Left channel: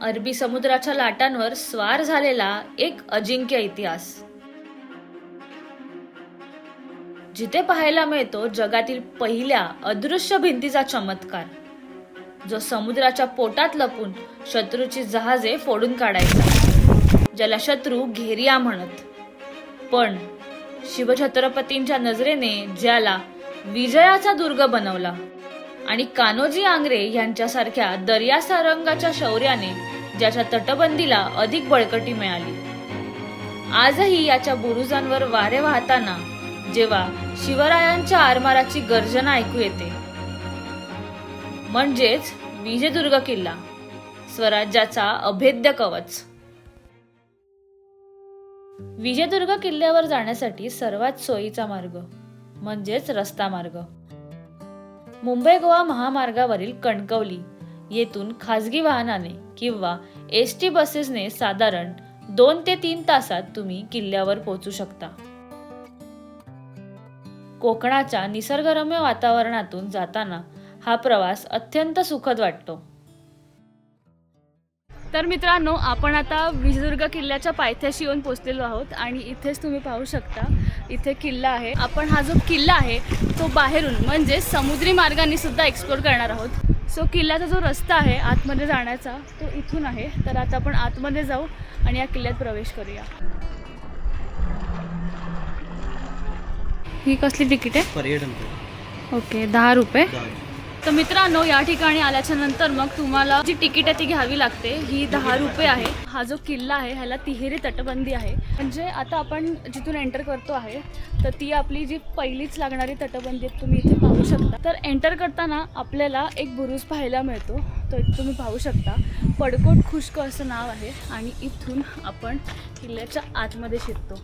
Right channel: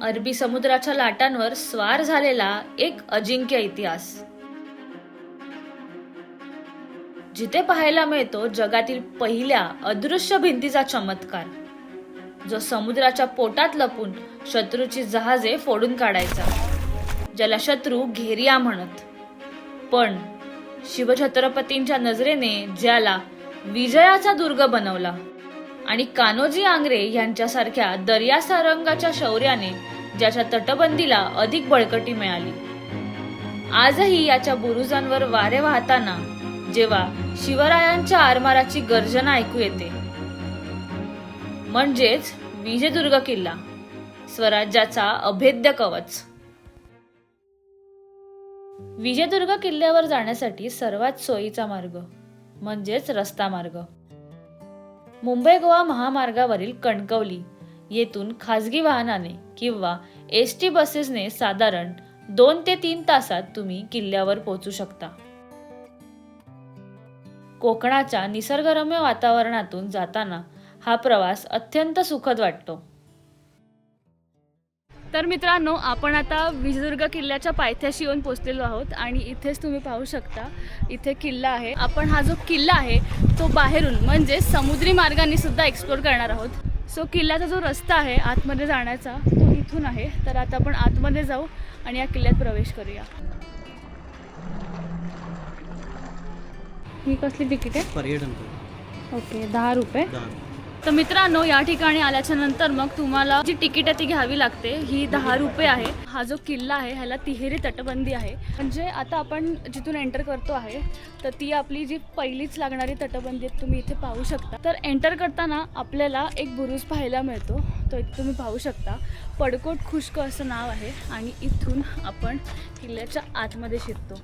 अरबी समुद्राच्या लाटांवर स्वार झालेला एक अजिंक्य इतिहास, जिथे पाहायला मिळतो जगातील पहिल्या अदृश्य भिंतीचा चमत्कार, जो समुद्राच्या पोटात लपून शत्रूची जहाजे फोडून काढायचा, ज्याला शत्रू घेरिया म्हणत. पण शिवछत्रपतींच्या नजरेने ज्याला विजयाचा दुर्ग बनवला आणि कान्होजी आंग्रे यांच्यासारख्या दर्यासारंगाच्या शौर्याने ज्याच्या तटबंदीला अधिक बळकटी मिळाली. आजही याच्या बुरुजांवर वारे वाहताना जेव्हा शिवरायांच्या आरमाराची गर्जना ऐकू येते, म्हणजेच विजयदुर्ग किल्ला, स्वराज्याचा अभेद्य कवच. विजयदुर्ग किल्ल्यावर जाण्यासाठी सर्वात सोयीचा मार्ग म्हणजेच रस्ता मार्ग. मुंबई गोवा महामार्गावरील कणकवली येथून खासगी वाहनाने किंवा एसटी बसेसने साधारण 2 ते 3 तासात तुम्ही किल्ल्यावर पोहोचू शकता. कोकणाच्या निसर्गरम्य वातावरणातून जाताना हा प्रवास अत्यंत सुखद वाटतो. तर मित्रांनो, आपण आता विजयदुर्ग किल्ल्याच्या पायथ्याशी येऊन पोहोचलेलो आहोत आणि इथेच तुम्ही पाहू शकता, इथे किल्ला आहे. आपण हा जो किल्ला आहे तो बाहेरून म्हणजे समुद्री मार्गाने सुद्धा एक्सप्लोर करणार आहोत. सो किल्ल्याचा जो रस्ता आहे आतमध्ये जाण्याचा तो इथून आहे. तर आता आपण आतमध्ये जाऊ आणि या किल्ल्यात प्रवेश करूया. ही कसली तिकीट आहे? पर्यटन. ओके, 10 रुपये. तर मित्रांनो, या ठिकाणी आल्याच्या नंतर मग तुम्हाला जी तिकीट आहे ती घ्यावी लागते. ही 10 रुपये आहे. हा जो किल्ला आहे ह्याला तिहेरी तटबंदी आहे. म्हणजे आता आपण जिथून एंटर करतो आहे तर ती आपली जी पहिलीच लागणारी तटबंदी आहे, तुम्ही इथे पाहू शकता. तर एंटर करताना आपल्याला एक बुरुज पाहायला मिळतो, तो एक तुम्ही पाहू शकता. पडकोट खुष्क असं नाव आहे आणि इथून आपण किल्ल्याच्या आतमध्ये शिरतो.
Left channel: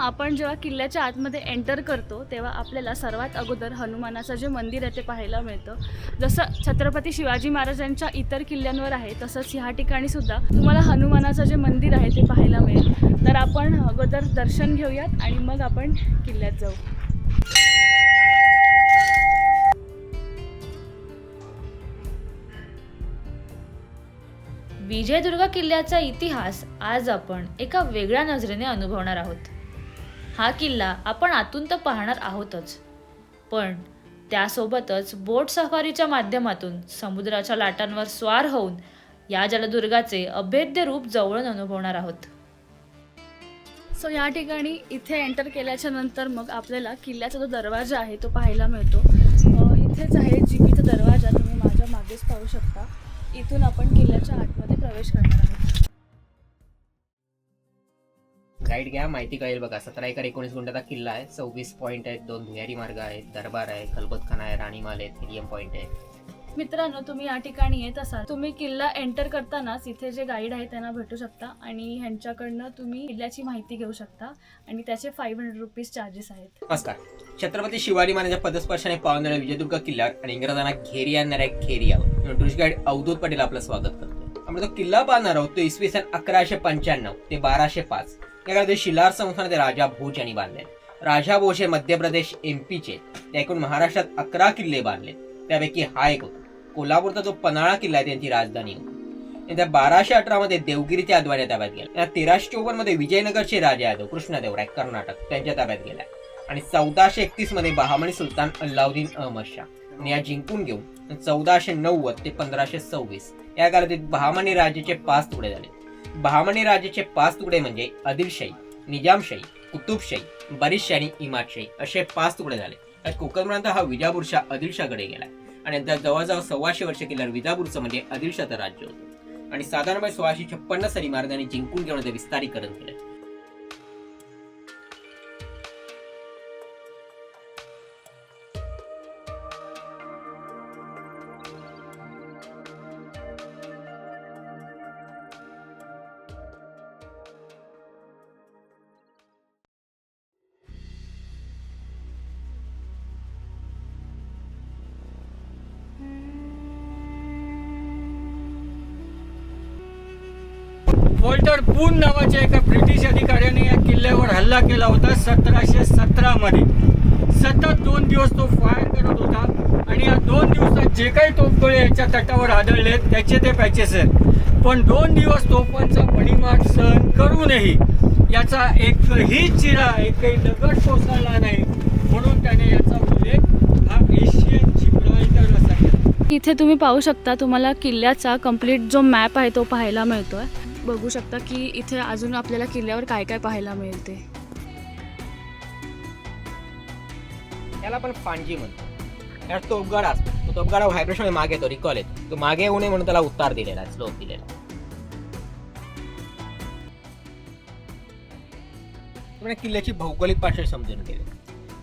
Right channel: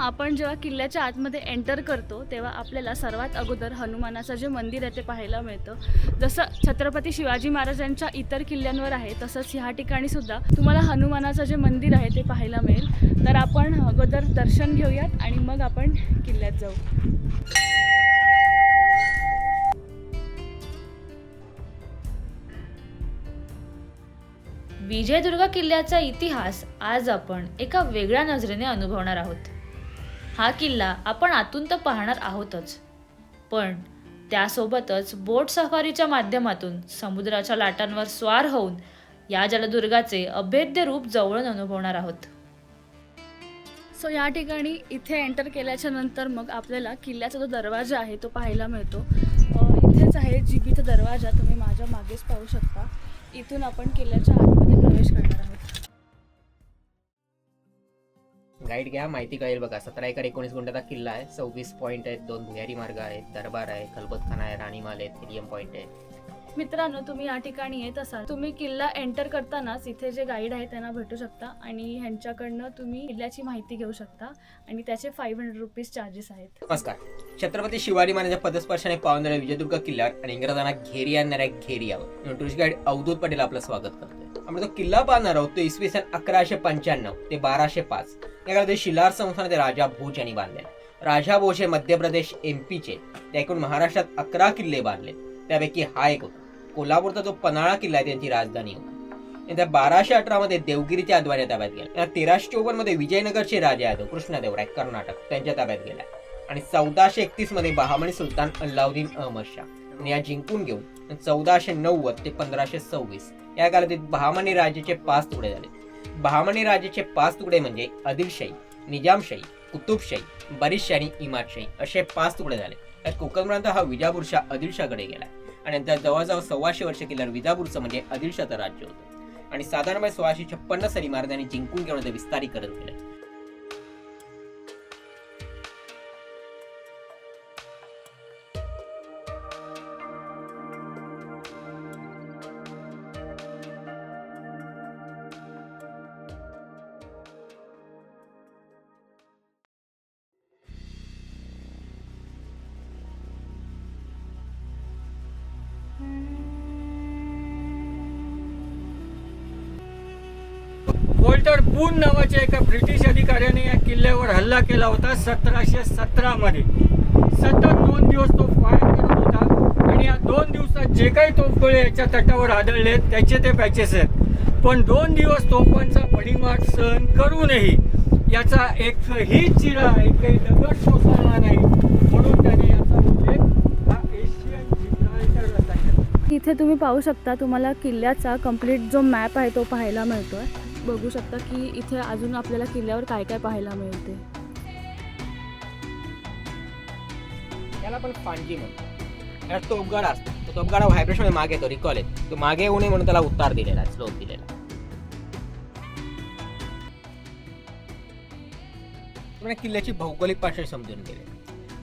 आपण जेव्हा किल्ल्याच्या आतमध्ये एंटर करतो तेव्हा आपल्याला सर्वात अगोदर हनुमानाचं जे मंदिर आहे ते पाहायला मिळतं. जसं छत्रपती शिवाजी महाराजांच्या इतर किल्ल्यांवर आहे तसंच ह्या ठिकाणी सुद्धा तुम्हाला हनुमानाचं जे मंदिर आहे ते पाहायला मिळेल. तर आपण अगोदर दर्शन घेऊयात आणि मग आपण किल्ल्यात जाऊ. विजयदुर्ग किल्ल्याचा इतिहास आज आपण एका वेगळ्या नजरेने अनुभवणार आहोत. हा किल्ला आपण आतून तर पाहणार आहोतच, पण त्यासोबतच बोट सफारीच्या माध्यमातून समुद्राच्या लाटांवर स्वार होऊन या जलदुर्गाचे अभेद्य रूप जवळून अनुभवणार आहोत. सो या ठिकाणी इथे एंटर केल्याच्या नंतर मग आपल्याला किल्ल्याचा जो दरवाजा आहे तो पाहायला मिळतो. इथेच आहे जीबीचा दरवाजा, तुम्ही माझ्या मागेच पाहू शकता. इथून आपण किल्ल्याच्या आतमध्ये प्रवेश करणार आहोत. गाईड घ्या, माहिती कळेल बघा. 17 एकर 19 गुंठाचा किल्ला आहे. 26 पॉईंट आहेत, 2 भुयारी मार्ग आहेत, दरबार आहे, खलबतखाना आहे, राणीमाल आहे, हेलियम पॉईंट आहे. मित्रांनो, तुम्ही या ठिकाणी येत असाल, तुम्ही किल्ला एंटर करतानाच इथे जे गाईड आहे त्यांना भेटू शकता आणि ह्यांच्याकडनं तुम्ही किल्ल्याची माहिती घेऊ शकता आणि त्याचे 500 रुपीज चार्जेस आहेत. नमस्कार. छत्रपती शिवाजी महाराजांच्या पदस्पर्शाने पावणाऱ्या विजयदुर्ग किल्ल्यावर आणि इंग्रजांना घेरिया आणणाऱ्या घेरियावर टुरिस्ट गाईड अवधूत पटेल आपलं स्वागत करतोय. आपण तो किल्ला पाहणार आहोत तो इसवी सन 1195 ते 1205 या काळात शिलार संस्थानाचे राजा भोज यांनी बांधले. राजा भोज हे मध्य प्रदेश एमपीचे एकूण महाराष्ट्रात 11 किल्ले बांधले, त्यापैकी हा एक होता. कोल्हापूरचा जो पन्हाळा किल्ला आहे त्यांची राजधानी होती. त्या 1218 मध्ये देवगिरीच्या अद्वारे ताब्यात गेला. 1354 मध्ये विजयनगरचे राजे यादव कृष्णदेवराय कर्नाटक त्यांच्या ताब्यात गेला आणि 1431 मध्ये बहामनी सुलतान अल्लाउद्दीन अहमद शाह या जिंकून घेऊन 1490 ते 1526 या कालावधीत बहामनी राज्याचे 5 तुकडे झाले. बहामनी राज्याचे 5 तुकडे म्हणजे आदिलशाही, निजामशाही, कुतुबशाही, बरीदशाही आणि इमादशाही असे 5 तुकडे झाले. त्यात कोकण प्रांत हा विजापूरच्या आदिलशाहकडे गेला आणि नंतर जवळजवळ 125 वर्ष केल्यावर विजापूरचं म्हणजे आदिलशाहचं राज्य होतं आणि साधारणपणे 1656 साली महाराजांनी जिंकून घेऊन ते विस्तारीकरण केलं. वॉल्टर बून नावाच्या एका ब्रिटिश अधिकाऱ्याने या किल्ल्यावर हल्ला केला होता 1717 मध्ये. सतत 2 दिवस तो फायर करत होता आणि या 2 दिवसात जे काही तोफगोळे याच्या तटावर आढळले त्याचे ते पॅचेस आहेत. पण 2 दिवस तोफांचा भडीमार सहन करूनही याचा एकही चिरा, एकही दगड कोसळला नाही, म्हणून त्याने याचा उल्लेख हा एशियन जिब्राल्टर असा केला. इथे तुम्ही पाहू शकता, तुम्हाला किल्ल्याचा कंप्लीट जो मॅप आहे तो पाहायला मिळतोय. बघू शकता की इथे अजून आपल्याला किल्ल्यावर काय काय पाहायला मिळते. याला आपण फांजी म्हणतो. यात तोफगाडा असतो. तो तोफगाडा व्हायब्रेशन मागे येतो, रिकॉल येतो. तो मागे येऊ नये म्हणून त्याला उतार दिलेला आहे, स्लोप दिलेला आहे. किल्ल्याची भौगोलिक पार्श्वभूमी समजून गेले.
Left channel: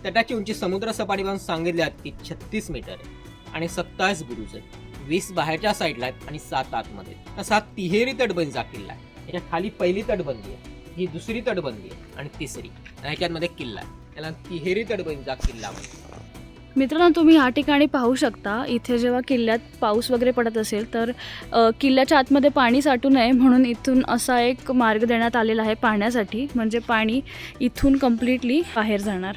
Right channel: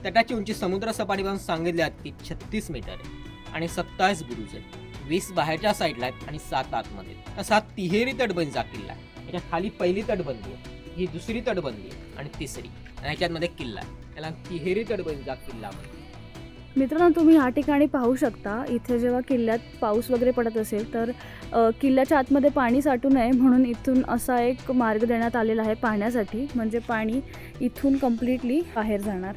तटाची उंची समुद्र सपाटीपासून सांगितल्यात की 36 मीटर आहे आणि 27 बुरुज आहेत. 20 बाहेरच्या साईडला आहेत आणि 7 आतमध्ये. असा तिहेरी तटबंदीचा किल्ला आहे. याच्या खाली पहिली तटबंदी आहे, ही दुसरी तटबंदी आहे आणि तिसरी, आणि ह्याच्यामध्ये किल्ला आहे. याला तिहेरी तटबंदीचा किल्ला म्हणतात. मित्रांनो, तुम्ही ह्या ठिकाणी पाहू शकता, इथे जेव्हा किल्ल्यात पाऊस वगैरे पडत असेल तर किल्ल्याच्या आतमध्ये पाणी साठू नये म्हणून इथून असा एक मार्ग देण्यात आलेला आहे पाण्यासाठी. म्हणजे पाणी इथून कम्प्लिटली बाहेर जाणार.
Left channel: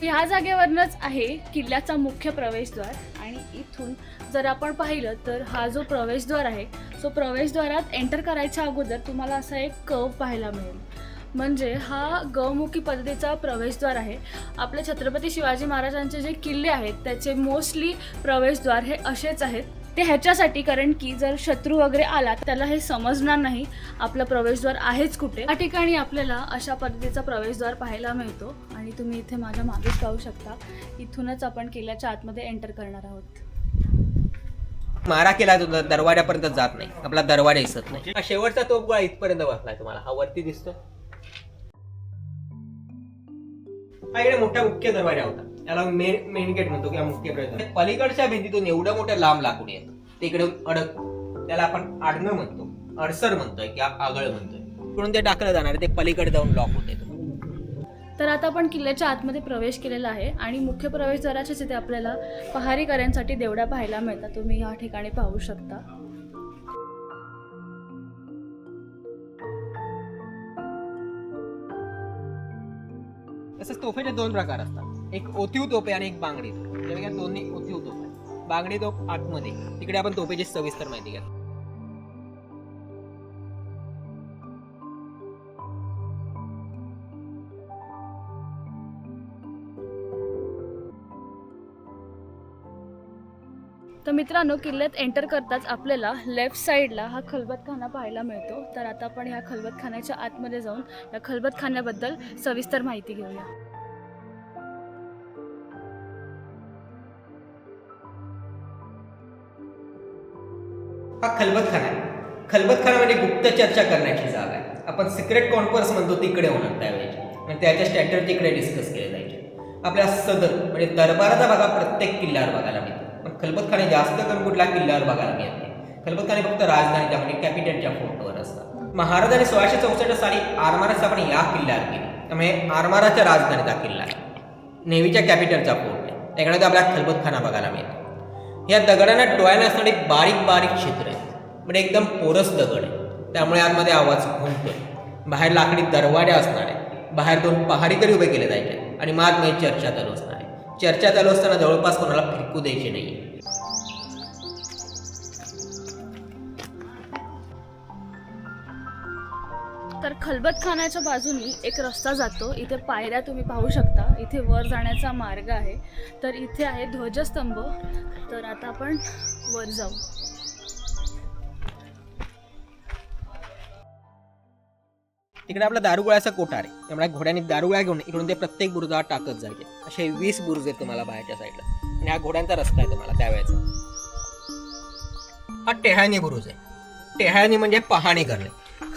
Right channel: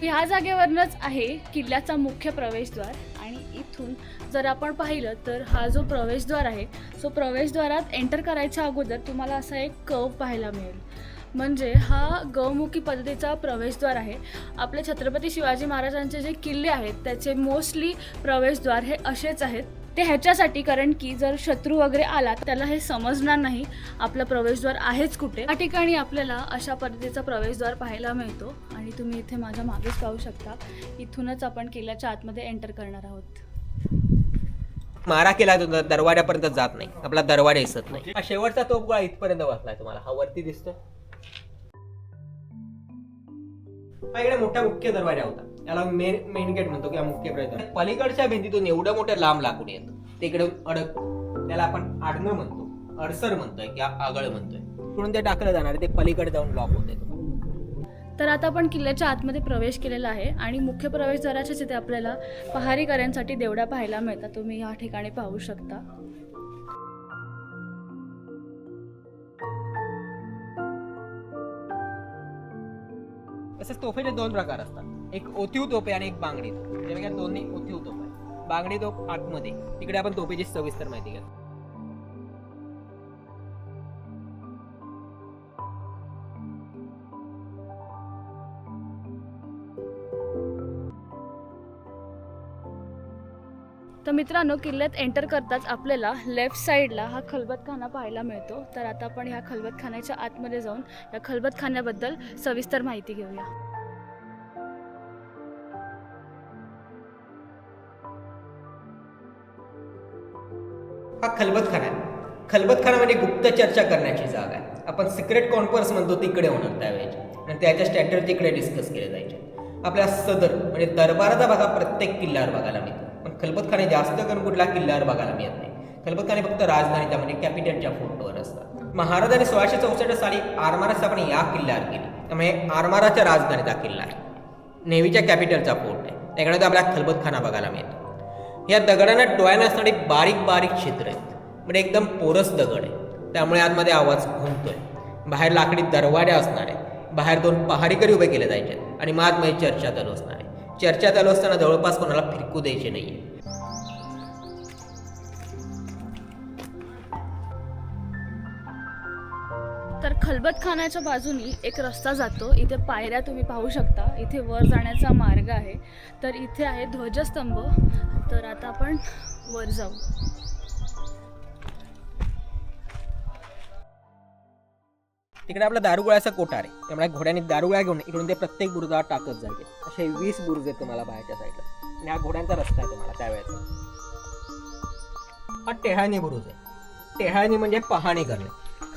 ह्या जागेवरनंच आहे किल्ल्याचा मुख्य प्रवेशद्वार. आणि इथून जर आपण पाहिलं तर हा जो प्रवेशद्वार आहे, तो प्रवेशद्वारात एंटर करायच्या अगोदर तुम्हाला असा एक कर्व पाहायला मिळेल. म्हणजे हा गौमुखी पद्धतीचा प्रवेशद्वार आहे. आपले छत्रपती शिवाजी महाराजांचे जे किल्ले आहेत त्याचे मोस्टली प्रवेशद्वार हे असेच आहेत. ते ह्याच्यासाठी, कारण की जर शत्रू वगैरे आला त्याला हे समजणार नाही आपलं प्रवेशद्वार आहेच कुठे. या ठिकाणी आपल्याला अशा पद्धतीचा प्रवेशद्वार पाहायला मिळतो. आणि तुम्ही इथे माझ्या मागेच पाहू शकता, इथूनच आपण किल्ल्याच्या आतमध्ये एंटर करणार आहोत. मारा केला दरवाजापर्यंत जात नाही, आपला दरवाजा दिसत नाही. हा शेवटचा तोफगोळा इथपर्यंत बसलाय, तुम्हाला हा वरती दिसतो. हा इकडे मोठा मुख्य दरवाजा होता, याला मेन गेट म्हणतो किंवा मुख्य प्रवेश. पलीकडच्या भिंतीतून एवढं मोठं लांब लाकूड येतं, ते इकडे अडकतं. त्याला आपण आडणं म्हणतो, अडसर म्हणतोय किंवा आगळ म्हणतोय. म्हणून ते टाकलं जाणार, ते पलीकडे जाऊन लॉक होते. तर आता आपण किल्ल्याच्या आतमध्ये प्रवेश केलेला आहे आणि मुख्य प्रवेशद्वाराच्याच इथे आपल्याला पहारेकऱ्यांसाठी देवड्या पाहायला मिळतात. तुम्ही या ठिकाणी पाहू शकता. तसंच तोफेचे 2 प्रकार असतात, एक ओतीव तोफ आहे आणि एक बांगडी तोफ. जेव्हा दोन्ही ओतीव तोफ आहे. बांगडी तोफ आतमध्ये, तिकडे आपण तोफेची सविस्तर माहिती घ्या. तर मित्रांनो, किल्ल्यात एंटर करताच आपल्याला लेफ्ट साईडला हा खलबतखाना पाहायला मिळतो. तर आता आपण ह्या खलबतखान्याच्या आतमध्ये जाऊन या खलबतखान्याबद्दल सविस्तर माहिती घेऊया. हा खलबतखाना आहे. खलबतखाना म्हणजे गुप्त चर्चा करण्याची जागा आहे. आपण सिक्रेट कॉन्फरन्स म्हणतो तिकडे होणार त्यावेळेची, आणि त्याच्या स्ट्रॅटेजी इकडे डिस्कस केले जायचे. आपल्या सदर म्हणजे दरबाराचा भाग प्रत्येक किल्ल्यावर बघायला मिळतो, पण खलबतखाने जास्त करून कुठल्या किल्ल्यावर बघायला मिळत नाही. खलबतखाने फक्त राजधानीच्या म्हणजे कॅपिटलच्या फोटोवर असतात. महाराजांनी 1664 साली आरमारा स्थापना या किल्ल्यावर केली, त्यामुळे आरमाराच्या राजधानीचा किल्ला आहे. नेव्हीच्या कॅपिटलचा फोर्ट आहे, त्याकडे आपल्याला खलबतखाना बघायला मिळतो. या दगडांना डोळ्याला असणारी बारीक बारीक छिद्र आहेत, म्हणजे एकदम पोरस दगड आहे, त्यामुळे आतमध्ये आवाज घुमतोय. बाहेर लाकडी दरवाजा असणार आहे. बाहेर 2 पहारेकरी उभे केले जायचे आणि आतमध्ये चर्चा चालू असणार आहे. चर्चा चालू असताना जवळपास कोणाला फिरकू द्यायचे नाही. तर खलबतखान्याच्या बाजूनी एक रस्ता जातो. इथे पायऱ्या तुम्ही पाहू शकता. इथे वर जाण्याचा मार्ग आहे. तर इथे आहे ध्वजस्तंभ. तर आता आपण वर जाऊ. तिकडे आपला दारुगोळ्याचा कोठार आहे, त्यामुळे घोड्याने दारुगोळा घेऊन इकडून ते प्रत्येक बुरुजावर टाकत जायचे. असे 20 बुरुज आहेत तुम्हाला बाहेरच्या साईडला, आणि हा घोड्यांचा रस्ता आहे तुम्हाला त्यावेळेचा. हा टेहाळणी बुरुज आहे. टेहाळणी म्हणजे पाहणी करणे.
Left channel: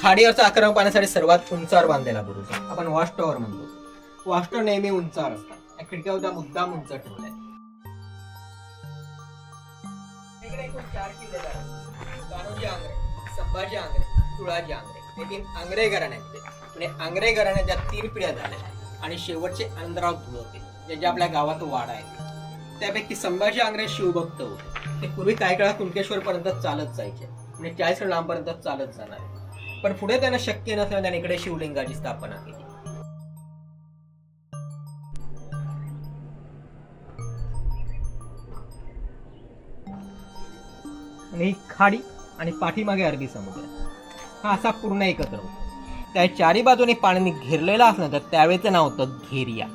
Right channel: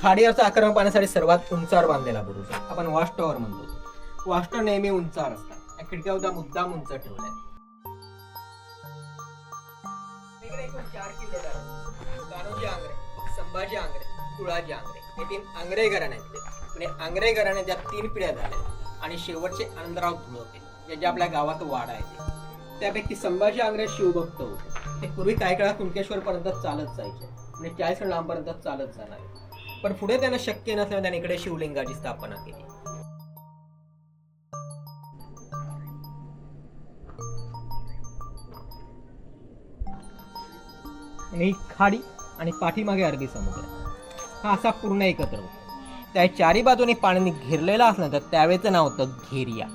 खाडीवरचा आक्रमण पाहण्यासाठी सर्वात उंचावर बांधलेला बुरुज आहे. आपण वॉच टॉवर म्हणतो. वॉच टॉवर नेहमी उंचावर असतात. या खिडक्या सुद्धा मुद्दाम उंच ठेवल्या. 4 किल्लेदार आहेत. कान्होजी आंग्रे, संभाजी आंग्रे, तुळाजी आंग्रे हे 3 आंग्रे घराण्याचे. म्हणजे आंग्रे घराण्याच्या 3 पिढ्या झाल्या आणि शेवटचे आनंदराव धुळोते जे आपल्या गावात वाडा आहे. त्यापैकी संभाजी आंग्रे शिवभक्त होते. ते पूर्वी काही काळात कुणकेश्वर पर्यंत चालत जायचे म्हणजे 40 लांबपर्यंत चालत जाणार आहे. पण पुढे त्यांना शक्य नसल्याने त्याने इकडे शिवलिंगाची स्थापना केली. आणि ही खाडी आणि पाठीमागे अरबी समुद्र हा असा पूर्ण एकत्र होता. त्या 4ही बाजूने पाण्याने घेरलेला असल्यानंतर त्यावेळेचं नाव होतं घेरिया.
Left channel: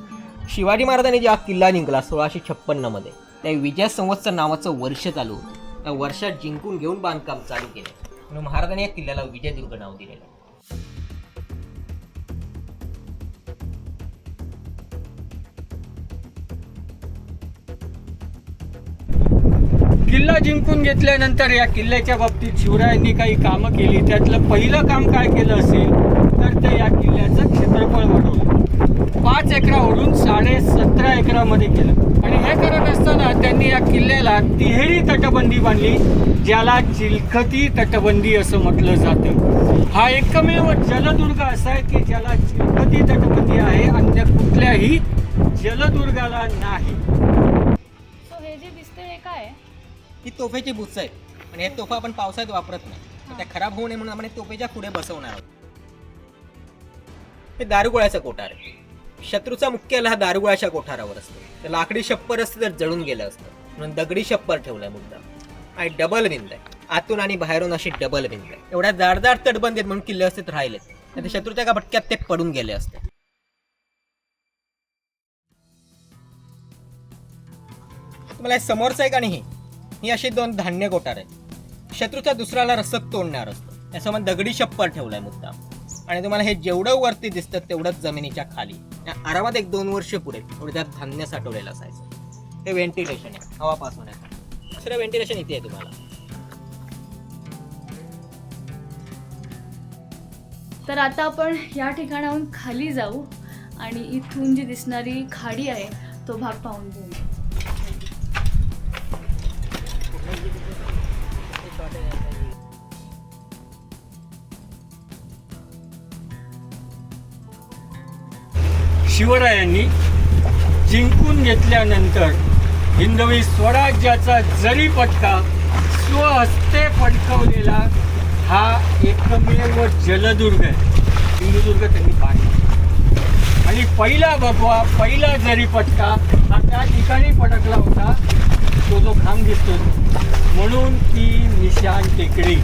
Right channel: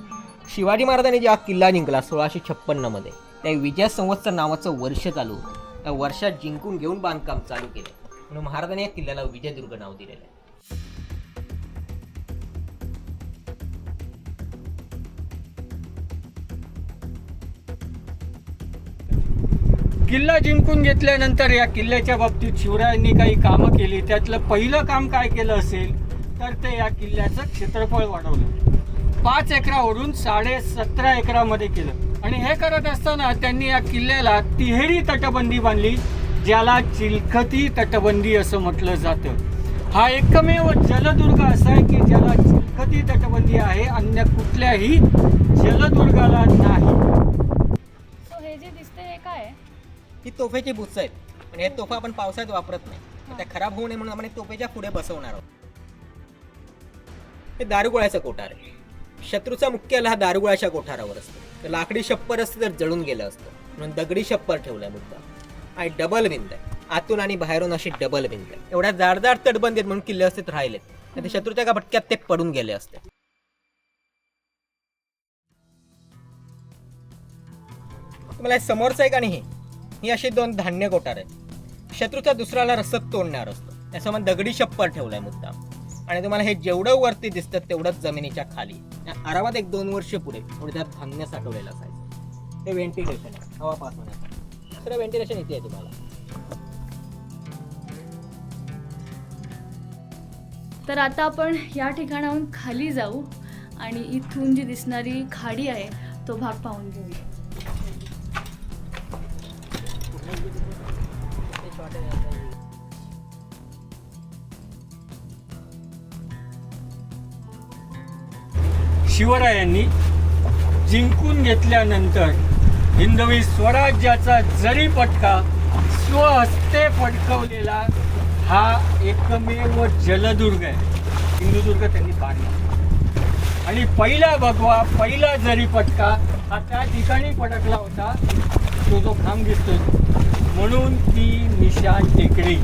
शिवाजी महाराजांनी जेव्हा किल्ला जिंकला 1656 मध्ये त्या विजय संवत्सर नावाचं वर्ष चालू होतं. त्या वर्षात जिंकून घेऊन बांधकाम चालू केले म्हणून महाराजांनी या किल्ल्याला विजयदुर्ग नाव दिलेलं आहे. किल्ला जिंकून घेतल्यानंतर या किल्ल्याच्या बाबतीत शिवरायांनी काही कामं केली. त्यातलं पहिलं काम काय केलं असेल तर ते या किल्ल्याचं क्षेत्रफळ वाढवलं. 5 एकरावरून 17.5 एकरामध्ये केलं. आणि हे करत असताना त्यांनी या किल्ल्याला तिहेरी तटबंदी बांधली, ज्याला चिलखती तटबंदी असं म्हटलं जातं. हा एकमेव जलदुर्ग असा आहे की ज्याला चिलखती तटबंदी आहे, अन्य कुठल्याही जलदुर्गाला नाही. सो हे जे दिसते हे काय आहे? ही तोफेची बुच्च आहेत. पण हे तोफा आपण पावसाळ्यात वापरत नाही. तर त्या खराब होऊ नये म्हणून आपण तोफेच्या पुढे बसवणार आहोत. हे दारुगोळ्याचा कोठार आहे. शत्रूचा मुख्याला हा दारुगोळ्याच्या कोठारावर असतो. तर लाकडी छप्पर असतं तर जळून गेलं असतं म्हणून दगडी छप्पर ठेवलाय मुद्दा. आणि डबल भिंत आहे. आतून आणि बाहेरून अशी डबल भिंत आहे. एवढ्या जाडजाड तटबंदी आहेत म्हणून किल्ले असते राहिलेत. नाही तर शत्रूच्या का भटक्यात ते पडून गेले असते. तुम्हाला समोरचं एक आणि ही अशी 2 धान्य कोठार आहेत. शत्रूचा दुसऱ्याला रसद तोडणार असतो. त्यासोबत दगडी छप्पर ठेवलाय मुद्दा. आणि तुम्हाला हे जेवढं वरती दिसतं तेवढंच जमिनीच्या खाली या आरामात 1-2 वर्ष पुढे थोडं त्यात धान्य साठवलेलं असायचं. हे व्हेंटिलेशन आहे हवा पास होण्यासाठी. दुसरं व्हेंटिलेशन इथे आहे तुम्हाला. तर आता आपण या ठिकाणाहून खाली जाऊ आणि इथून जी दिसणारी खाडी आहे तो भाग पाहून घेऊ. शिवरायांनी जिंकून घेतल्यानंतर हिंदवी स्वराज्याचा जरी पटका स्वहस्ते फडकवलेला हा एकमेव जलदुर्ग आहे. सिंधुदुर्ग त्यांनी बांधला आणि पहिला भगवा पहिला जरी पटका हा त्या ठिकाणी फडकला होता, तो जो खांब दिसतो म्हणून ती निशाण टेकडी.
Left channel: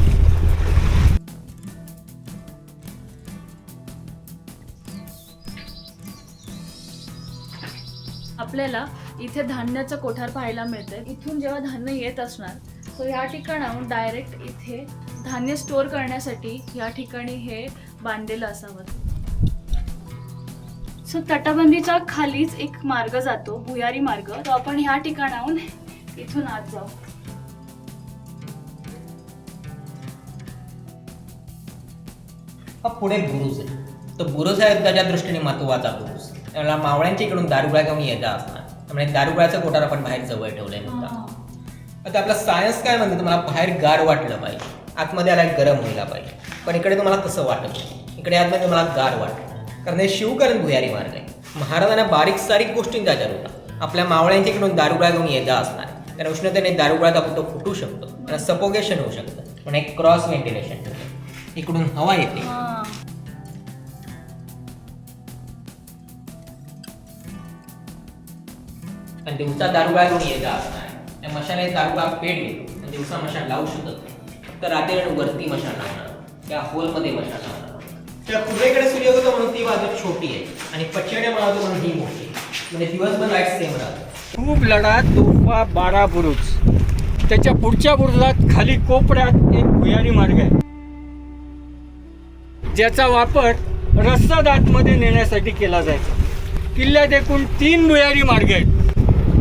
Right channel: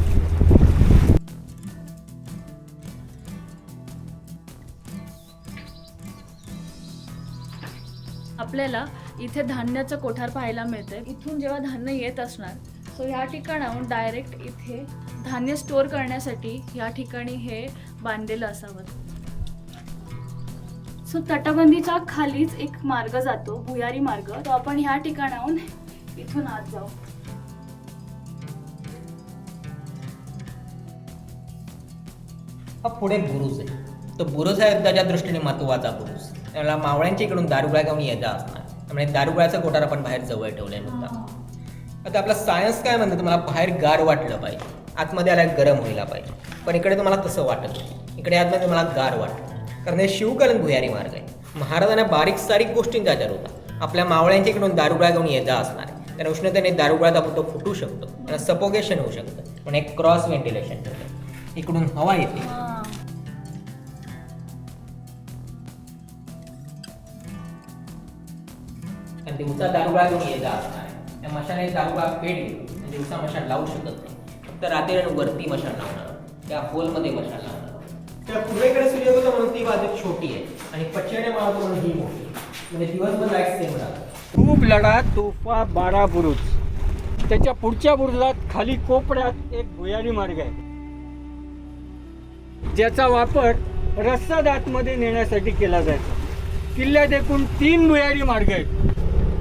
आपल्याला इथे धान्याचं कोठार पाहायला मिळतंय. इथून जेव्हा धान्य येत असणार तो या ठिकाणाहून डायरेक्ट इथे धान्य स्टोअर करण्यासाठी या ठिकाणी हे बांधलेलं असावं. सो तटबंदीच्या खालीच एक मार्ग जातो, भुयारी मार्ग. तो आपण ह्या ठिकाणाहून इथून आत जाऊ. हा पुढे बुरुज आहे. तो बुरुज आहे युद्धाच्या दृष्टीने महत्वाचा बुरुज. त्याला मावळ्यांच्या इकडून दारुगोळा घेऊन येता असणार. त्यामुळे दारुगोळ्याचा कोठार आपण बाहेर जवळ ठेवलाय मुद्दा. आता आपला सायन्स काय म्हणतं, तुम्हाला बाहेर गार वाटलं पाहिजे, आतमध्ये आला गरम व्हायला पाहिजे. पण इकडे तुम्हाला तसं वाटत नाही. इकडे आतमध्ये तुम्हाला गार वाटतं कारण हे शिवकालीन भुयारी मार्ग आहे. महाराजांना बारीक सारीक गोष्टींचा आचार होता. आपल्या मावळ्यांच्या इकडून दारुगोळा घेऊन येता असणार. कारण उष्णतेने दारुगोळा आपण तो फुटू शकतो आणि सफोकेशन होऊ शकतं. पण एक क्रॉस व्हेंटिलेशन ठेवलं, इकडून हवा येते. आणि दिवसा दारुगोळा घेऊन येता असणार. त्या मशाने दारुगोळा पेट घेतो आणि दिवसा मशान लावू शकत नाही. फक्त रात्री वरती मशान लावणार, त्या होलमध्ये मशान लावणार. त्या पूर्वेकडे सूर्य होतो म्हणून ती बाजू छोटी आहे आणि पश्चिमेकडे मावतो म्हणून ही मोठी. म्हणजे दिवसभर लाईट सेम राहतो. खूप लढा, तोफा, 12 बुरुज. त्याच्या पुढच्या बुरुजात खाली कोपऱ्यात एक भुयारी मार्ग आहे, ज्याचा वापर रस्ता आतमध्ये नेण्यासाठी केला जायचा. किल्ल्यात एकूण 3 भुयारी मार्ग आहेत.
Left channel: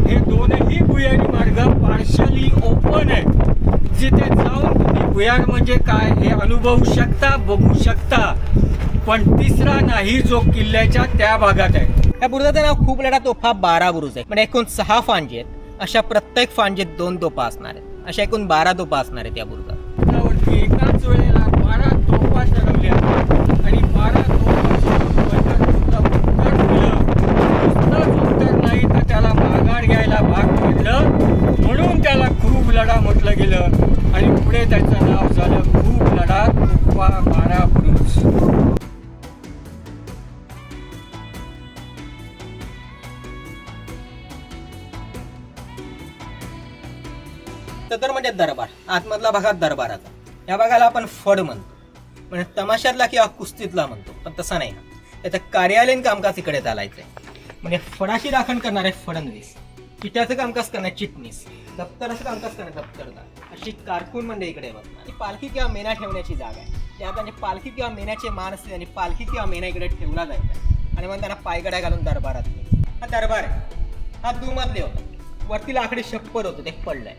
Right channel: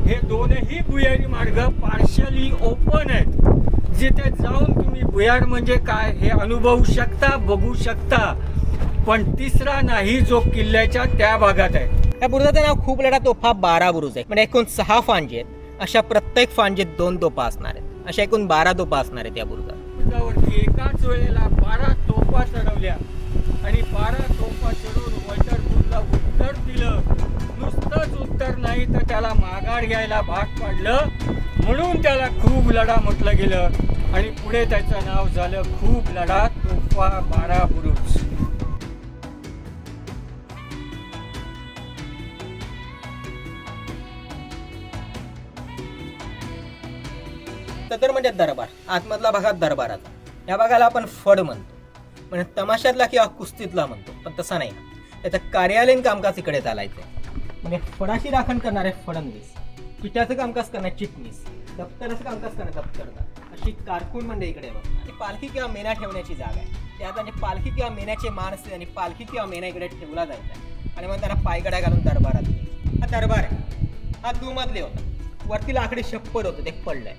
हे दोनही भुयारी मार्ग पार्शली ओपन आहेत, जिथे जाऊन तुम्ही भुयार म्हणजे काय हे अनुभवू शकता, बघू शकता. पण तिसरा नाही, जो किल्ल्याच्या त्या भागात आहे. या बुरुजाचं नाव खूप लढा तोफा 12 बुरुज आहे. म्हणजे एकूण 6 फांजे आहेत. अशा प्रत्येक फांजेत 2 तोफा असणार आहेत अशा एकूण 12 तोफा असणार आहेत या बुरुजात. बुरुजावरती एकाच वेळेला 12 तोफा चढवल्या आणि 12 तोफा उत्तर दिलं. नुसतंच उत्तर नाही तर त्याला माघार घ्यायला भाग पडलं, म्हणून त्याला खूप लढा म्हटलं गेलं आणि पुढे त्याचं नाव झालं खूप लढा तोफा 12 बुरुज. सतर म्हणजे दरबार, आतमधला भागात दरबाराचा. या भागाला आपण फड म्हणतो, म्हणजे तमाशातला किंवा कुस्तीतला म्हणतो, पण तसा नाही. त्याचं कार्यालयीन कामकाज इकडे चालायचंय. म्हणजे फडाची राखण करणारे फडणवीस, पिठाचं कामकाज करणारे चिटणीस, दप्तराचं कामकाज करणारे दप्तरदार, अशी कारकून म्हणजे इकडे बघ. ही पालखी किंवा मेना ठेवण्याची जागा आहे. त्यात आणि पालखी किंवा मेनाचे मान असते आणि पालखी किंवा मेना इकडे ठेवला जायचा आणि मग त्यांना पायगड्या घालून दरबारात. हा दरबार आहे. हा दुमधले होता. वरती लाकडी छप्पर होतं, ते पडलंय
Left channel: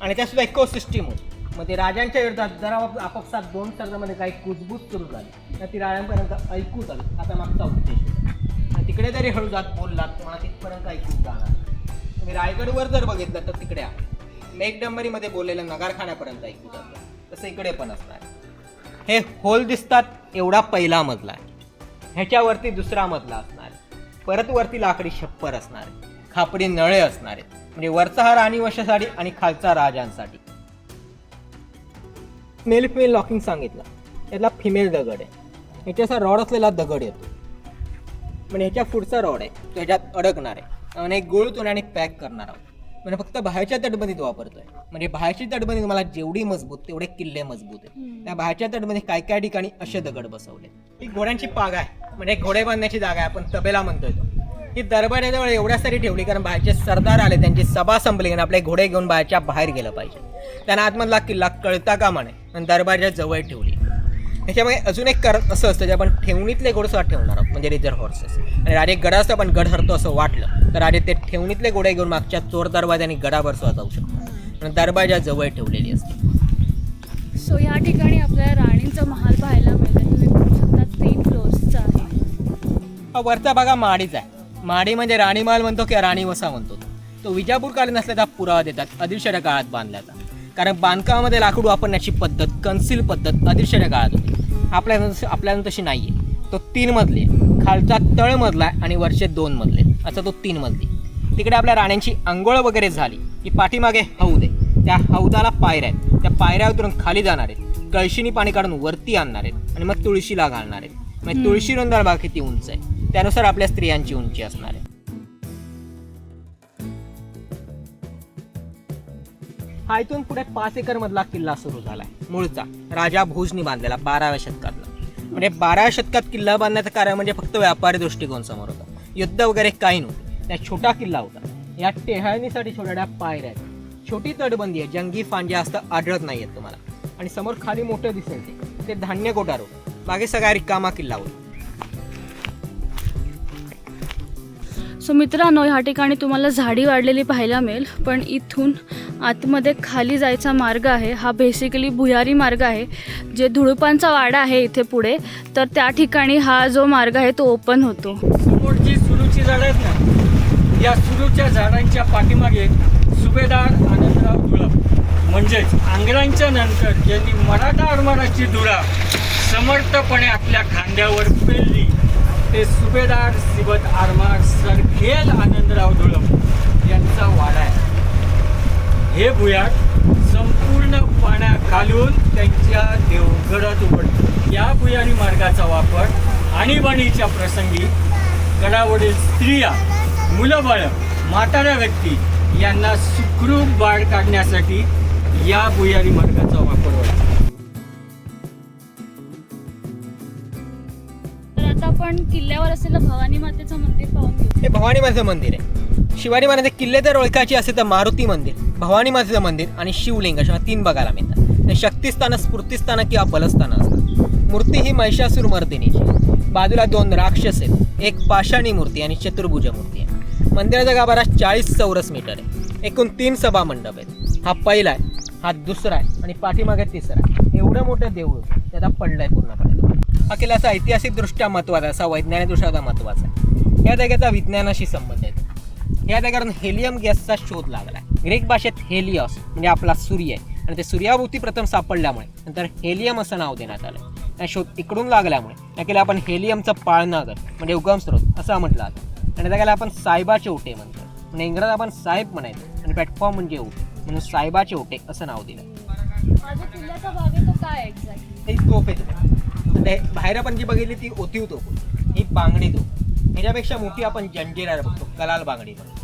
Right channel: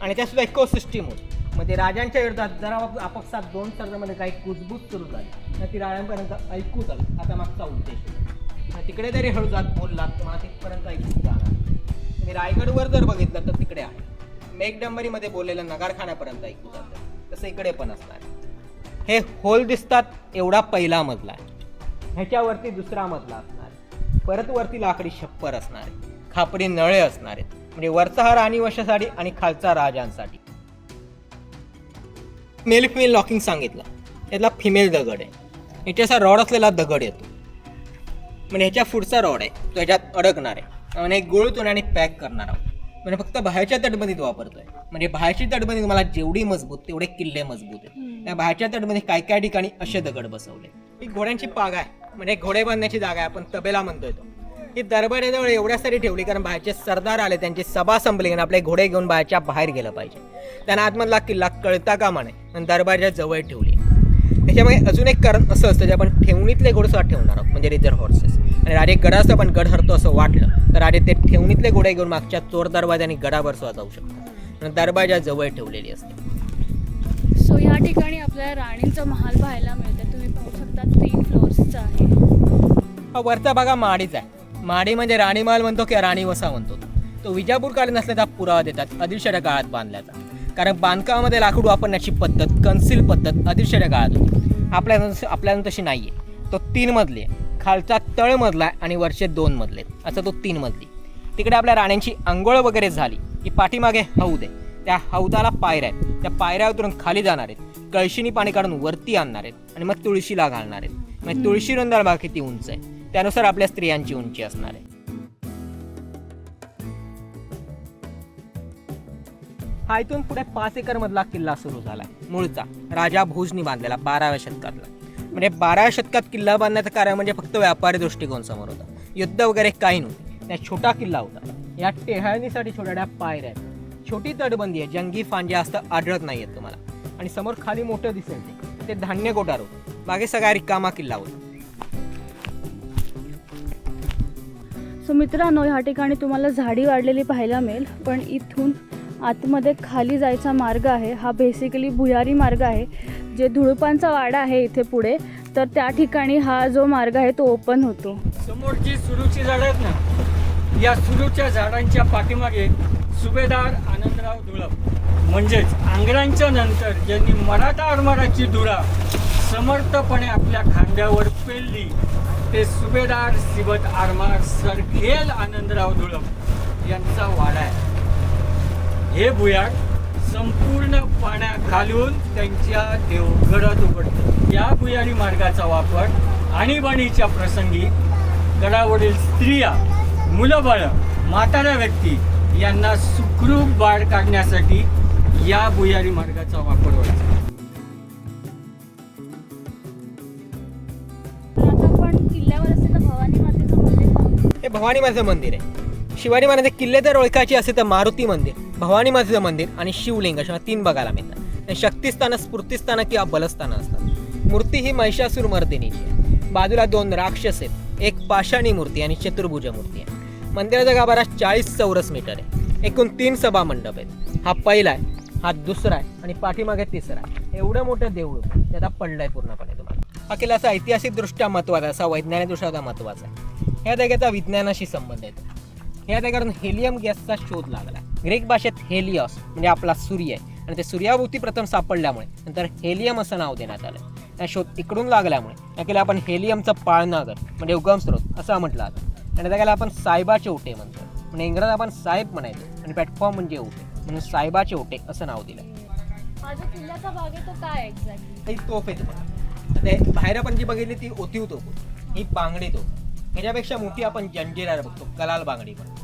आणि त्या सुद्धा इकोसिस्टीम होती. मग ते राजांच्या विरोधात जरा आपापसात 2 सर्जामध्ये काही कुजबूज सुरू झाली तर ती राजांपर्यंत ऐकू आली. आता मागचा उद्देश होता. आणि तिकडे जरी हळू जात बोललात तुम्हाला तिथपर्यंत ऐकून जाणार. तुम्ही रायगडवर जर बघितलं तर तिकडे आहे. मेघडंबरीमध्ये बोललेलं नगारखान्यापर्यंत ऐकू जातं, तसं इकडे पण असणार. हे होल दिसतात एवढा पहिला मजला आहे. ह्याच्यावरती दुसरा मजला असणार. परत वरती लाकडी छप्पर असणार आहे. खापरी नळे असणार आहेत. म्हणजे वरचा हा राणीवशासाठी आणि खालचा राजांसाठी. मेल फिमेल लॉकिंग सांगितलं. यातला फिमेल दगड आहे. याच्या असा रॉड असलेला दगड येतो. म्हणजे ह्याच्या पुढचा रॉड आहे तो ह्याच्यात अडकणार आहे आणि गुळतून आणि पॅक करणार आहोत. म्हणजे फक्त बाहेरच्या तटबंदीत वापरतोय. म्हणजे बाहेरची तटबंदी तुम्हाला जेवढी मजबूत तेवढे किल्ले मजबूत आहेत. त्या बाहेरच्या तटबंदी काय काय ठिकाणी असे दगड बसवले. ही घोड्यांची पाग आहे, म्हणजे घोडे बांधण्याची जागा आहे. आपण तबेला म्हणतोय तो. ही दरबाराजवळ एवढ्यासाठी ठेवली कारण बाहेरचे सरदार आले, त्यांची सभा संपली आणि आपले घोडे घेऊन बाहेरच्या बाहेर गेलं पाहिजे. त्यांना आतमधला किल्ला कळता कामा नये आणि दरबारच्या जवळ ठेवली. त्याच्यामुळे अजून एक कारण असं असतं जे आपण ठेवणीतले घोडेसुद्धा ठेवणार आहोत, म्हणजे रिझर्व हॉर्सेस. आणि राजे गडाचं पण गड हरतो असं वाटलं तर राजे ते ठेवणीतले घोडे घेऊन मागच्या चोर दरवाजाने गडावर सुद्धा जाऊ शकतात आणि दरबारच्या जवळ ठेवलेली असते. सो ह्या ठिकाणी आपल्याला राणींचा महाल पाहायला मिळते. तुम्ही बघू शकता 3 फ्लोअर्सचा आहे. हा वरचा भाग माडीचा आहे. माडी म्हणजे राणी महाल म्हणतो किंवा राणी वसा म्हणतो. तो विजापूरकालीन असल्याचा पुरावा देतात आदिलशाच्या काळात बांधल्याचा. कारण बांधकामामध्ये लाकूड वापरण्याची पद्धत, कन्सील पद्धत आदिलशाच्या काळात होती. आपल्याला तशी नाही आहे. तो 3 मजली आहे. खालचा तळ मजला आहे आणि वरचे 2 मजले, असं तो 3 मजली. तिकडे आपल्या राण्यांची अंघोळ वगैरे झाली की पाठीमागे हौद आहे. त्या हौदाला पायऱ्या आहेत. त्या पायऱ्या उतरून खाली जाणार आहेत. कळशीनी पाणी काढून वरती आणणार आहेत आणि मग तुळशीला घालणार आहेत. म्हणजे तुळशी रुंदाळ भाग किती उंच आहे त्यानुसार आपल्या स्त्रियांची उंची असणार आहे. हा इथून पुढे 5 एकर मधला किल्ला सुरू झाला. मूळचा राजा भोजनी बांधलेला 12व्या शतकातला. म्हणजे 12व्या शतकात किल्ला बांधण्याचं कारण म्हणजे फक्त व्यापारी दृष्टिकोन समोर होता. युद्ध वगैरे काही नव्हते. त्या छोटा किल्ला होता. या टेहाळणीसाठी छोट्या पायऱ्या आहेत. छोटी तटबंदी आहे. जंगी फांद्या असं आढळत नाही आहेत तुम्हाला. आणि समोर खाली मोठं दिसेल ते धान्य कोठार होतं. बाकी सगळा रिकामा किल्ला होता. सो मित्रांनो, ह्या ठिकाणी तुम्हाला झाडी वाढलेली पाहायला मिळेल. पण इथून आतमध्ये खाली जायचा मार्ग आहे. हा बेसिकली भुयारी मार्ग आहे. जे धुळपांचा वाडा आहे इथे पुढे, तर त्या ठिकाणी हा जो मार्ग आहे तो ओपन होतो. समोर जी सुरूची झाडं आहेत ना, या सुरूच्या झाडांच्या पाठीमागे सुभेदार आनंदराव धुळप, म्हणजेच आंग्र्यांच्या नंतर ज्यांनी मराठा आरमाराची धुरा समर्थपणे आपल्या खांद्यावर पेलली ते सुभेदार सिबत आरमार सरखेल आनंदराव धुळप यांचा वाडा आहे. हे भुयार संपूर्ण पाण्याखालून त्यांच्या देवगडात उघडतं. या भुयारी मार्गाचा वापर आणीबाणीच्या प्रसंगी गडावरील स्त्रिया, मुलं बाळं, म्हाताऱ्या व्यक्ती यांना सुखरूप बाळ काढण्यासाठी या भुयारी मार्गाचा वापर व्हायचा. आता आपण किल्ल्यावर असलेलं भवानी मातेचं मंदिर पाहतो. हे भवानी मातेचं मंदिर आहे. शिवाजी महाराज किल्ले जर ओळखायचे असेल तर मारुती मंदिर, भवानी मातेचं मंदिर आणि शिवलिंग अशा 3 बघायला मिळतात. शक्तिस्थानं, स्फूर्तिस्थानं किंवा बलस्थानं असतात. मूर्ती ही महिषासूर मर्दिनीची. बाजूला 2 राक्षस आहेत. एक पाषाणी मूर्ती आणि चतुर्भुज मूर्ती आहे. मंदिराचा गाभारा 40 चौरस मीटर आहे. एकूण 3 सभा मंडप आहेत. हा पहिला आहे, हा दुसरा आहे आणि पाठीमागे तिसरा आहे. एवढं मोठं देऊळ त्याचा पडलाय पूर्णपणे. हा किल्ला असा ऐतिहासिकदृष्ट्या महत्त्वाचा, असा वैज्ञानिकदृष्ट्या महत्त्वाचा आहे. या जागेचा विज्ञानाशी संबंध येतो. या जागेवरून हेलियम गॅसचा शोध लागला. ग्रीक भाषेत हेलिओस म्हणजे आपला सूर्य आहे आणि ते सूर्याभोवती प्रथम सापडल्यामुळे नंतर हेलियम असं नाव देण्यात आलं. या शोध इकडून लागल्यामुळे याला आपण हेलियमचं पाळणाघर म्हणजे उगमस्रोत असं म्हटलं जातं. आणि त्याला आपण साहेबाचे ओटे म्हणतो. म्हणजे इंग्रज आपण साहेब म्हणायचो आणि प्लॅटफॉर्म म्हणजे ओटे म्हणून साहेबाचे ओटे असं नाव दिलं. हा जो किल्ल्याचा भाग आहे तो काय एक्झॅक्टली? ही तोफ आहे तुम्हाला. ते बाहेर आपण जी बघितली ती ओतीव तोफ होती. ही बांगडी तोफ. ह्याच्यापेक्षा मोठी आपण जंजिरा बघतो, कलाल बांगडी म्हणून.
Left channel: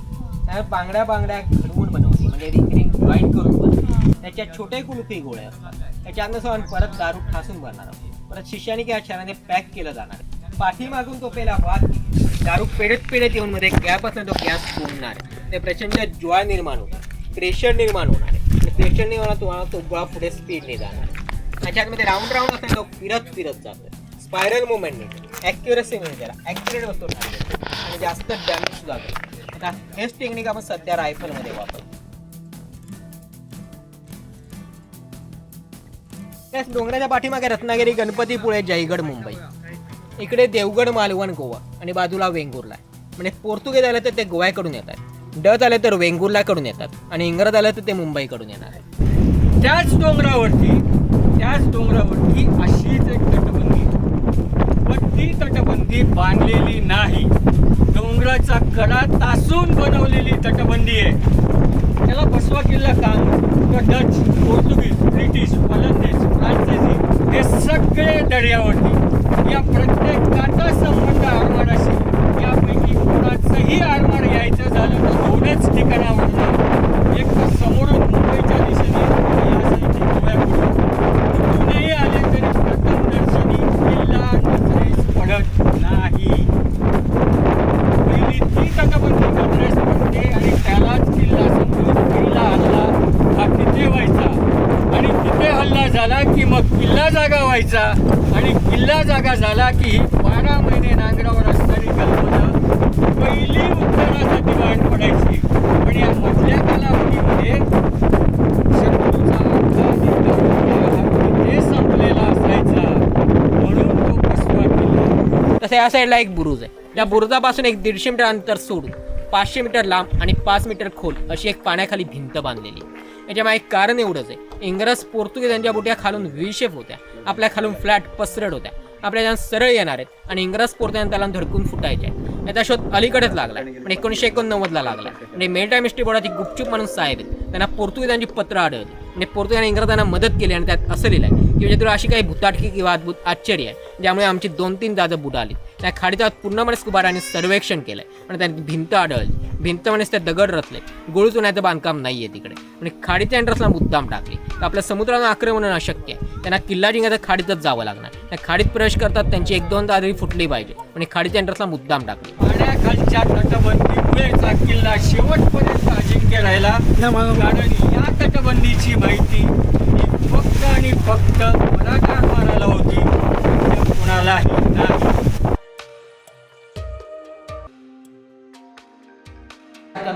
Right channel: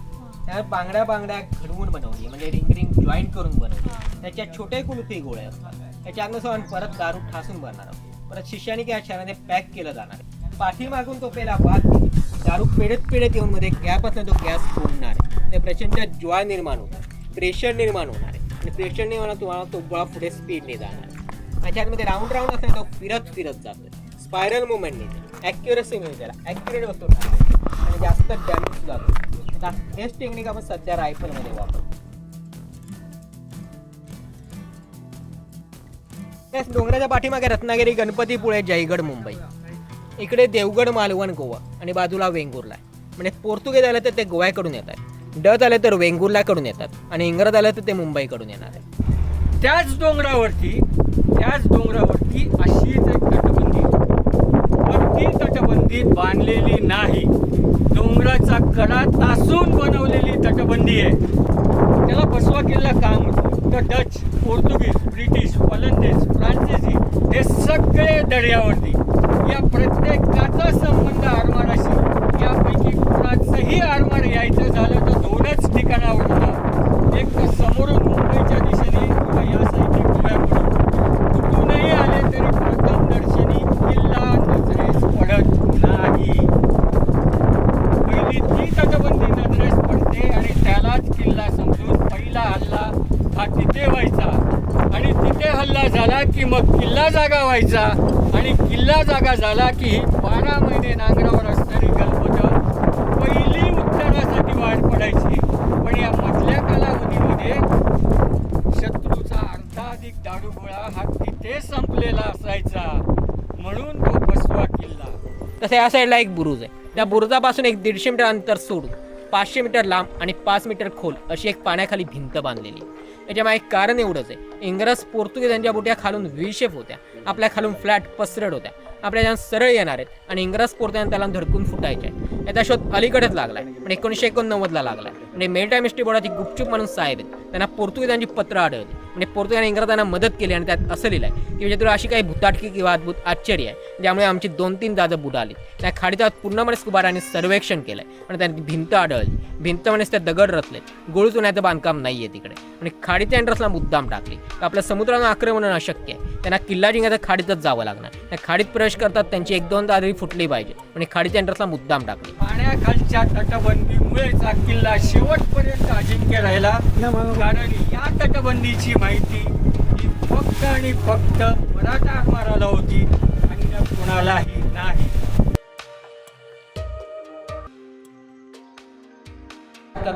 त्या बांगड्या घडवून बनवली म्हणजे रिंग जॉईंट करून बनवली. त्याच्यात छोटे कुलफी गोळे असतात. त्याच्यातनं आपण परत दारू ठासून भरणार आहोत. परत शिष्याने किंवा क्षणाने पॅक केलं जाणार आहे. पाठीमागून तो पहिला वाद दारू पेढत येऊन मध्ये गॅप असणार, तो गॅस फोडणार आहे. ते प्रचंड ज्वाळ निर्माण होणार, प्रेशर निर्माण होणार आहे. आणि प्रेशर निर्माण तुम्हाला तो गोळा पुढे स्पीडने जाणार आहे. त्याच्यामध्ये राऊंड असणार, तो फिरत जातो. स्पायरल मुवमेंट मिळते, ॲक्युरसी मिळते, त्याला ॲक्युरेट होतो आणि जास्त डॅमेज सुद्धा होतो. आता हेच टेक्निक आपण सध्या रायफलमध्ये वापरतो. त्याच डोंगराच्या पाठीमागे रत्नागिरी, गणपतीपुळे, जयगड, मुंबई. इकडे देवगड, मालवण, गोवा आणि बाजूला वेंगुर्ला. म्हणजे पोर्तुगीज आले तर ते गोव्याकडून येतात, डच आले तर वेंगुर्लाकडून येतात आणि इंग्रज आले तर ते मुंबईकडून येणार आहे. त्याच डोंगरावरती अशीच एक तटबंदी, पण ती तटबंदी बांधलेली नाही. डोंगराचा कडा तासून बनवलेली तटबंदी आहे. त्याला बसवा किल्ला काम तर डच, पोर्तुगीज, ब्रिटिश, वलंदेज, फ्रान्सिसी हे सगळे दर्यावरती. या प्रत्येकाचा संबंध आरमाराशी. यापैकी कोणाचंही आरमार यायचं झालं तर दोनच ठिकाणावर, एक तर समोरून मुंबईच्या दिशेने या साईडची गोव्याकडून. कुठूनही आले तरी प्रथम दर्शनी किल्ला नजरेस पडत नाही. पहिली ती तटबंदी नजरेस पडते आणि त्यालाच किल्ला समजून पहिला हल्ला हा तिथे व्हायचा. आणि तिथे हल्ला झाला की मग किल्ला जागा व्हायचा आणि किल्ला जागा झाला की 12 महिने नांगरावर असणारी गलबतं पहिली उत्तरासाठी वाट पडायची. पण या मधल्या कालावधीमध्ये शत्रूचा अर्धाधिक दारूगोळा हा तिथे संपलेला असायचा. म्हणून तो बसवा किल्ला. तसं या साईडला एक बुरुज आहे. त्या बुरुजापासून एक 150 मीटर अंतर सोडून 500 मीटर लांब आणि 5 मीटर खोल अशी एक पाण्याखाली भिंत बांधलेली. याच्यामागे कारण एवढंच आहे, इंग्रज पोर्तुगीज यांच्या बोट्या खालून व्ही शेप होत्या, आपल्या खालून फ्लॅट पसरट होत्या. आपल्या ज्या सरळ येणार आहेत आणि इंग्रज पोर्तुगीज त्याला धडकून फुटायचे. याचा शोध अलीकडेच लागला, पण 1989ला लागला. म्हणजे मेलटाईम हिस्ट्री बोर्डात गुपचूप म्हणून साहेब आहेत, त्यांना पोर्तुगीजांची पत्र आढळली. म्हणजे पोर्तुगीजांनी इंग्रजांना मदत केली आणि त्यात असं लिहिलं आहे की म्हणजे तुला अशी काही भूताटकी किंवा अद्भुत आश्चर्य आहे ज्यामुळे आमची 2-3 जहाजं बुडाली. त्या खाडीचा पूर्णपणे स्कुबारांनी सर्वेक्षण केलंय आणि त्यांनी भिंत आढळली. भिंत म्हणजेच त्या दगड रचले, गोळी चुन्याचं बांधकाम नाही आहे तिकडे. म्हणजे खाडीच्या एंट्रन्सला मुद्दाम टाकली तर आपल्या समुद्रानं आक्रमण अशक्य आहे. त्यांना किल्ला जिंकायचं खाडीतच जावं लागणार. त्या खाडीत प्रवेश करतात त्यांची 1-2 दादरी फुटली पाहिजे म्हणजे खाडीच्या एंट्रन्सला मुद्दाम टाकली. पाण्याखालच्या तटबंदीमुळेच हा किल्ला शेवटपर्यंत अजिंक्य राहिला. कारण या तटबंदीची माहिती ही फक्त आणि फक्त मराठा आरमाराला होती, कोणालाही नाही.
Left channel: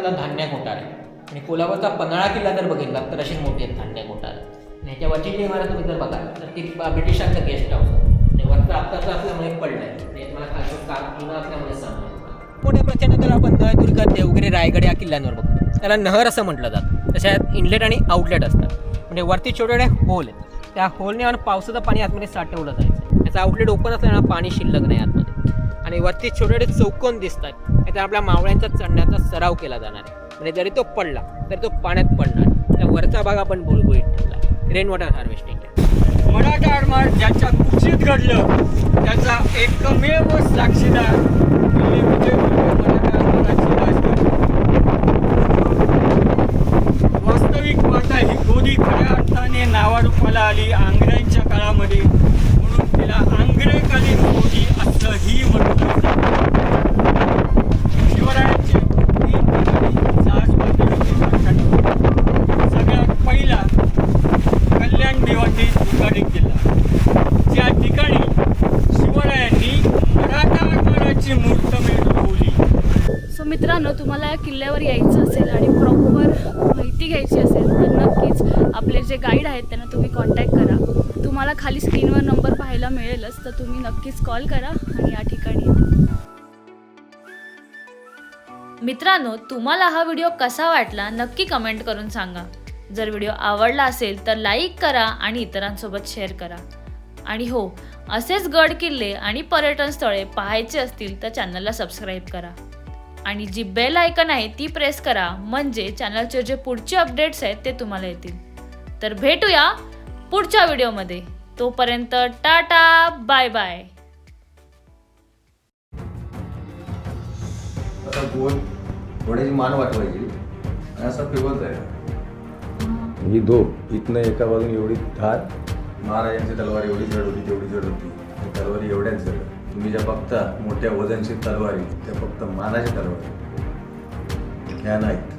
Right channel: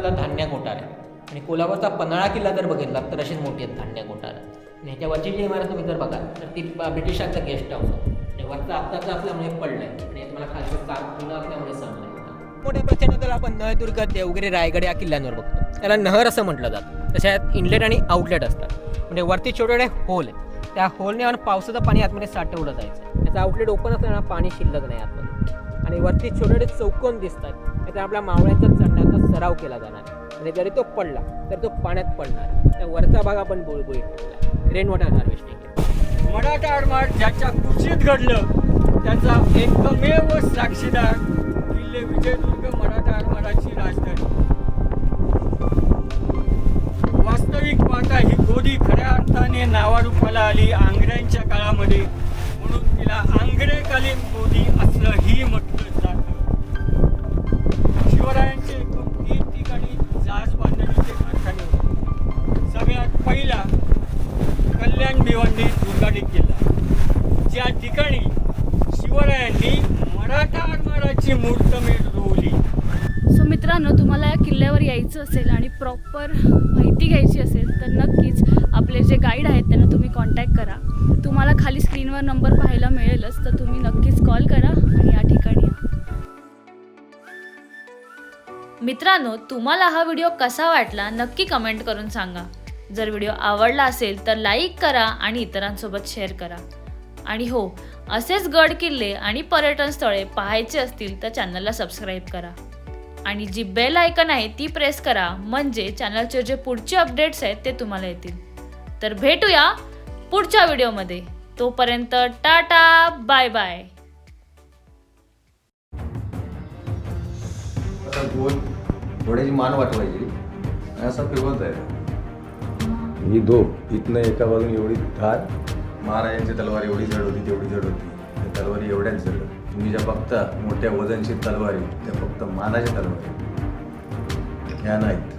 धान्य कोठार आहे आणि कोल्हापूरचा पन्हाळा किल्ला जर बघितला तर अशीच मोठी आहेत धान्य कोठार. आणि ह्याच्यावरची जी इमारत तुम्ही जर बघाल तर ती ब्रिटिशांचं गेस्ट हाऊस आणि वरचा आत्ताचा असल्यामुळे पडलं आहे आणि तुम्हाला खालचं कार जुनं असल्यामुळे सांगलं. मोठ्या प्रचंड त्याला आपण नळदुर्ग, देवगिरी, रायगड या किल्ल्यांवर बघतो. त्याला नहर असं म्हटलं जातं. तशात इनलेट आणि आउटलेट असतात. म्हणजे वरती छोटे छोटे होल आहेत, त्या होलने आपण पावसाचं पाणी आतमध्ये साठवलं जायचं. त्याचा आउटलेट ओपन असल्यानं पाणी शिल्लक नाही आतमध्ये. आणि वरती छोटे छोटे चौकोन दिसतात, त्याचा आपल्या मावळ्यांचा चढण्याचा सराव केला जाणार आहे. म्हणजे जरी तो पडला तर तो पाण्यात पडणार. त्या वरचा भाग आपण बुळबुळीत ठेवला. Rain water harvesting. मराठा आरमार ज्याच्या कुशीत घडलं त्याचा एकमेव साक्षीदार किल्ले विजयदुर्ग मराठा आरमाराची राजधानी. वास्तविक पाहता ही गोदी खऱ्या अर्थाने नावारूपाला आली आंग्र्यांच्या काळामध्ये, म्हणून तिला आंग्रेकालीन गोदी असंही म्हटलं जातं. शिवरायांचे 3 ठिकाणी जहाज बांधणीचे कारखाने होते. सगळ्यात पहिला कल्याण भिवंडी दुर्गाडी किल्ला, ज्या ठिकाणी शिवरायांनी मराठा आरमाराची मुहूर्तमेढ रोवली. सो मित्रांनो, तुम्हाला या किल्ल्यावर यायचं असेल आणि प्रॉपर माहिती घ्यायची असेल तर नक्कीच आपले जे गाईड आहेत त्यांना तुम्ही कॉन्टॅक्ट करा. तुम्हाला खाली स्क्रीनवर नंबर पाहायला मिळेलच, तर तुम्ही नक्कीच कॉल करा आणि या ठिकाणी या. मित्रांनो, तुम्हाला हा व्हिडिओ कसा वाटला नक्की कमेंट करून सांगा. जर व्हिडिओ आवडला असेल तर लाईक करा आणि इतरांसोबत शेअर करा. आणि हो, असेच गड किल्ले आणि पर्यटन स्थळे पाहायचे असतील तर चॅनलला सबस्क्राईब करा आणि जी बेल आयकन आहे ती प्रेस करा, म्हणजे चॅनलचे जे पुढचे अपडेट्स आहेत ते तुम्हाला येतील. तर भेटूया पुढच्या व्हिडिओमध्ये. तोपर्यंत टाटा, बाय बाय. आता गोल घोड्याची मान वाटवायची आणि असा फिरवत जायचा. ही धोप इथनं एका बाजून एवढी धार, महाराजांची तलवार एवढी जड होती तेवढी जड होती. त्या तलवारी एवढ्याच जड. तुम्ही ज्या बघता मोठ्या वजनशीर तलवारी त्या फक्त मानाच्या तलवारी ह्या नाहीत.